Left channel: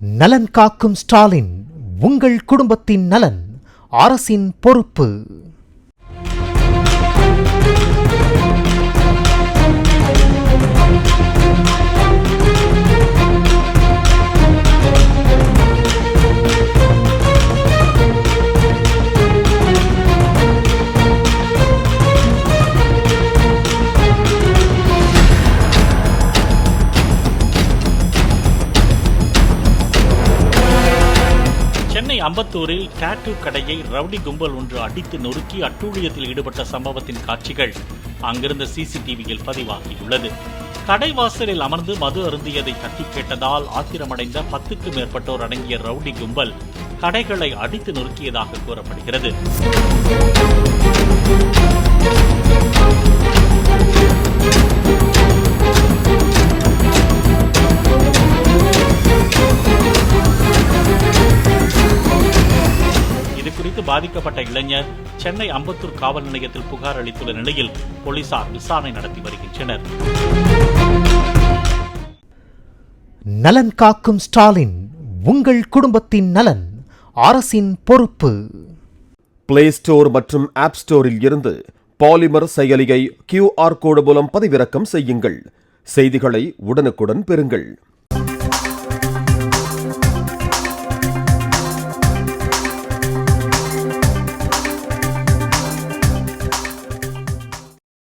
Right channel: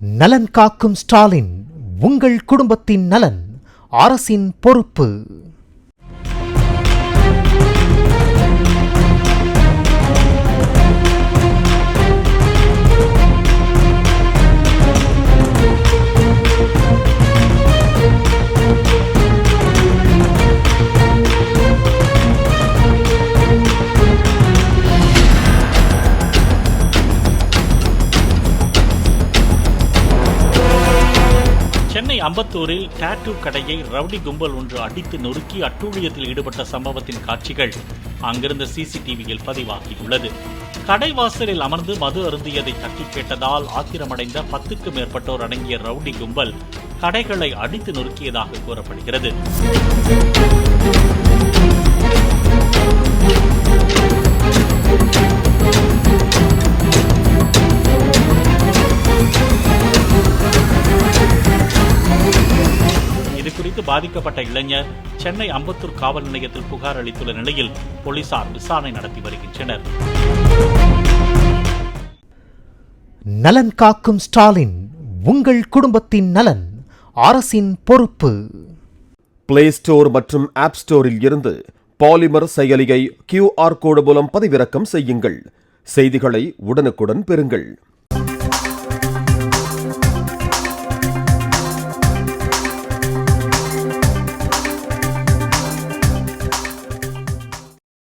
நலன் காக்கும் ஸ்டாலின், உங்கள் குடும்பத்தின் நலன் அரசின் பொறுப்பு. சென்னை அம்பத்தூரில் டாட்டூ கடையை ரவுடி கும்பல் ஒன்று அடித்து நொறுக்கி அட்டூழியத்தில் ஈடுபட்ட சம்பவத்தின் காட்சிகள் அங்கிருந்த சிசிடிவியில் பதிவாகியுள்ளது. கடைவாசலில் அமர்ந்து மது அருந்தியதை தட்டி கேட்டதால் ஆத்திரமடைந்த 10க்கும் மேற்பட்டோர் அடங்கிய ரவுடி கும்பல் கடைகளை அடித்து நொறுக்கியதாக கூறப்படுகிறது. இதுகுறித்து பாதிக்கப்பட்ட இளைஞர் சென்னை அம்பத்தூர் காவல் நிலையத்தில் புகார் அளித்துள்ள நிலையில் போலீசார் விசாரணை நடத்தி வருகின்றனர். நலன் காக்கும் ஸ்டாலின், உங்கள் குடும்பத்தின் நலன் அரசின் பொறுப்பு. பிளே ஸ்டோர் மற்றும் ஆப் ஸ்டோரில் இருந்து பாலிமர் செயலியை QR கோடு மூலம் பதிவிறக்கம் செய்யுங்கள். செய்திகளை உடனுக்குடன் பெறுங்கள்.